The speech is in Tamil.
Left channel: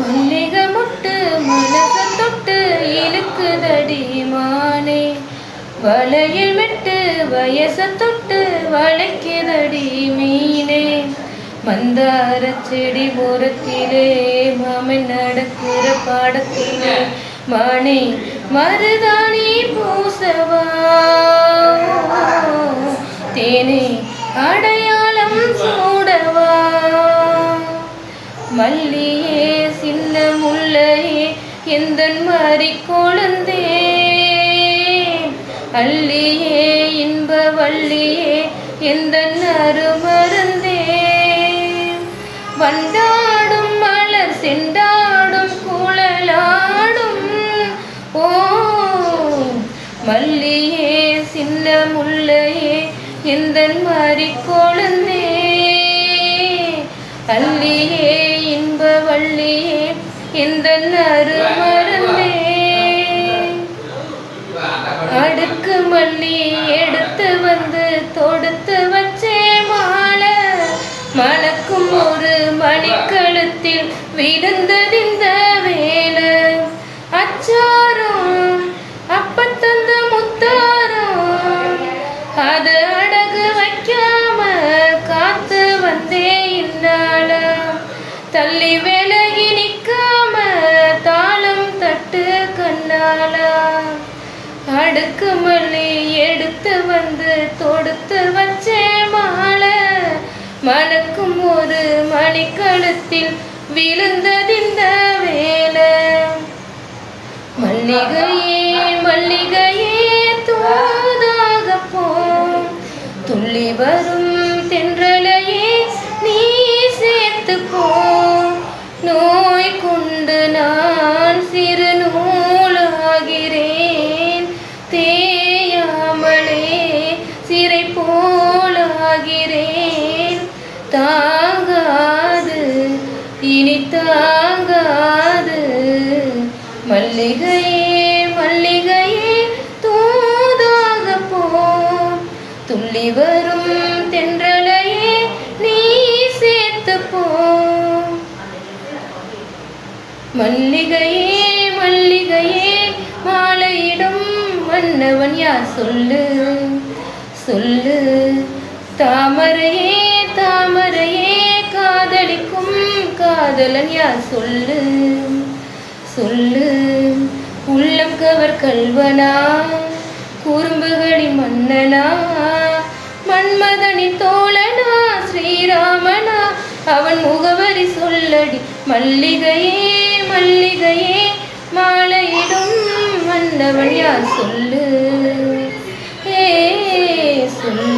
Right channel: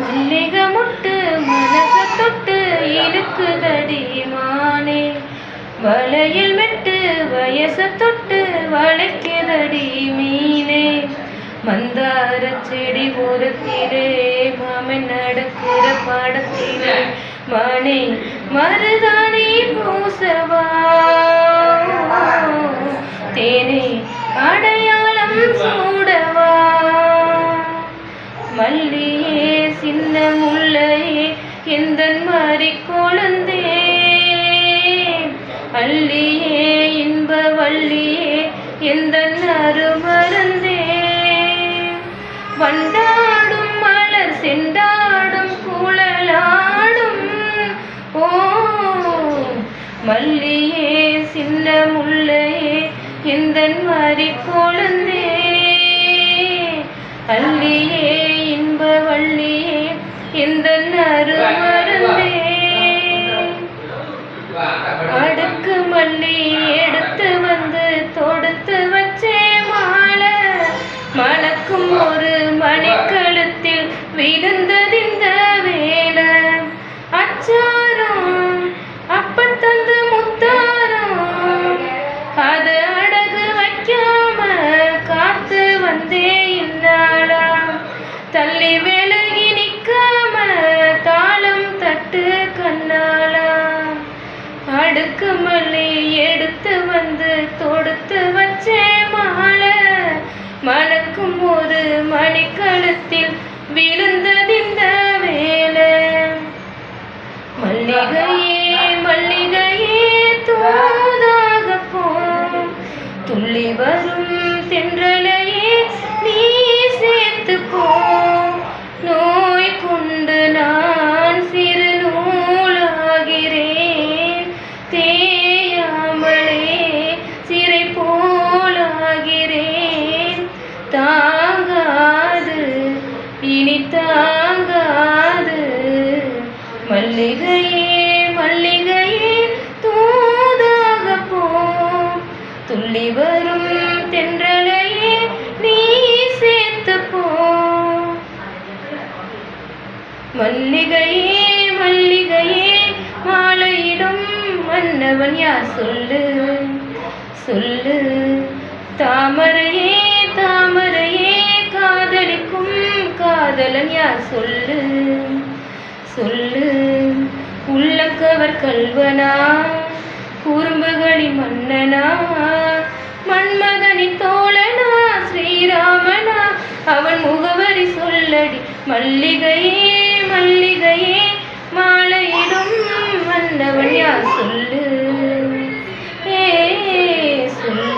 மல்லிகை முட்டு மனச தொட்டு இழுக்குதடி மானே, வளையல் மெட்டு வயச தொட்டு வளைக்குதடி மீனே. மந்தார செடி ஓரத்திலே மாமன் நடக்கிற பாடத்திலே மானே மருதாணி பூசவா, தேனே அடையாளம் சூடவா. மல்லியே சின்ன முல்லையே எந்தன் மாறி கொழுந்தே, அள்ளியே இன்ப வள்ளியே எந்தன் அருமருந்தே. வண்டாடும் மலர் செண்டாடும் குழலாடும் ஓ, மல்லியே சின்ன முல்லையே எந்தன் மாறி கொழுந்தே, அள்ளியே இன்ப வள்ளியே எந்தன் அருமருந்தே. அடுக்கு மல்லி எடுத்து வந்து தொடுத்து வச்சே மாலை, மணக்கும் ஒரு மணிக்கழுத்தில் விழுந்ததிந்த வேலை. அச்சாரம் அப்பத்தந்த முத்தாரம் அது அடகு வைக்காம காத்து வந்தே இல்லாளா, தள்ளி விலகி நிற்காம தாளம் தட்டு கண்ணாளா. அடுக்கு மல்லி எடுத்து வந்து தொடுத்து வச்சே மாலை, மணக்கும் ஒரு மணிக்கழுத்தில் விழுந்ததிந்த வேலை. மல்லிகையே மல்லிகையே தூதாக போ, துள்ளி வரும் தென்றலையே நீ சேர்த்து போ. நோய் கொண்டு நான் சிறு நூலாகிறேன், தேயாமலே சிறை போலாகிறேன். தாங்காது இனி தாங்காது, மல்லிகையே மல்லிகையே தூதாக போ, துள்ளி வரும் தென்றலையே நீ சேர்த்து போ. மல்லிகையே மல்லிகையே மாலையிடும் மன்னவன் யார் சொல்லு சொல்லு. தாமரையே தாமரையே காதலிக்கும் காதலன் யார் சொல்லு சொல்லு. உள்ளங்கவர் கல்வனா குறும்புகளின் மன்னனா, மன்மதனின் தோழனா ஸ்ரீராமனா, அவன் முகவரி சொல்லடி. மல்லிகையே மல்லிகையே மாலையிடும் மன்னவன் யார் சொல்லு ஏ சொல்லு.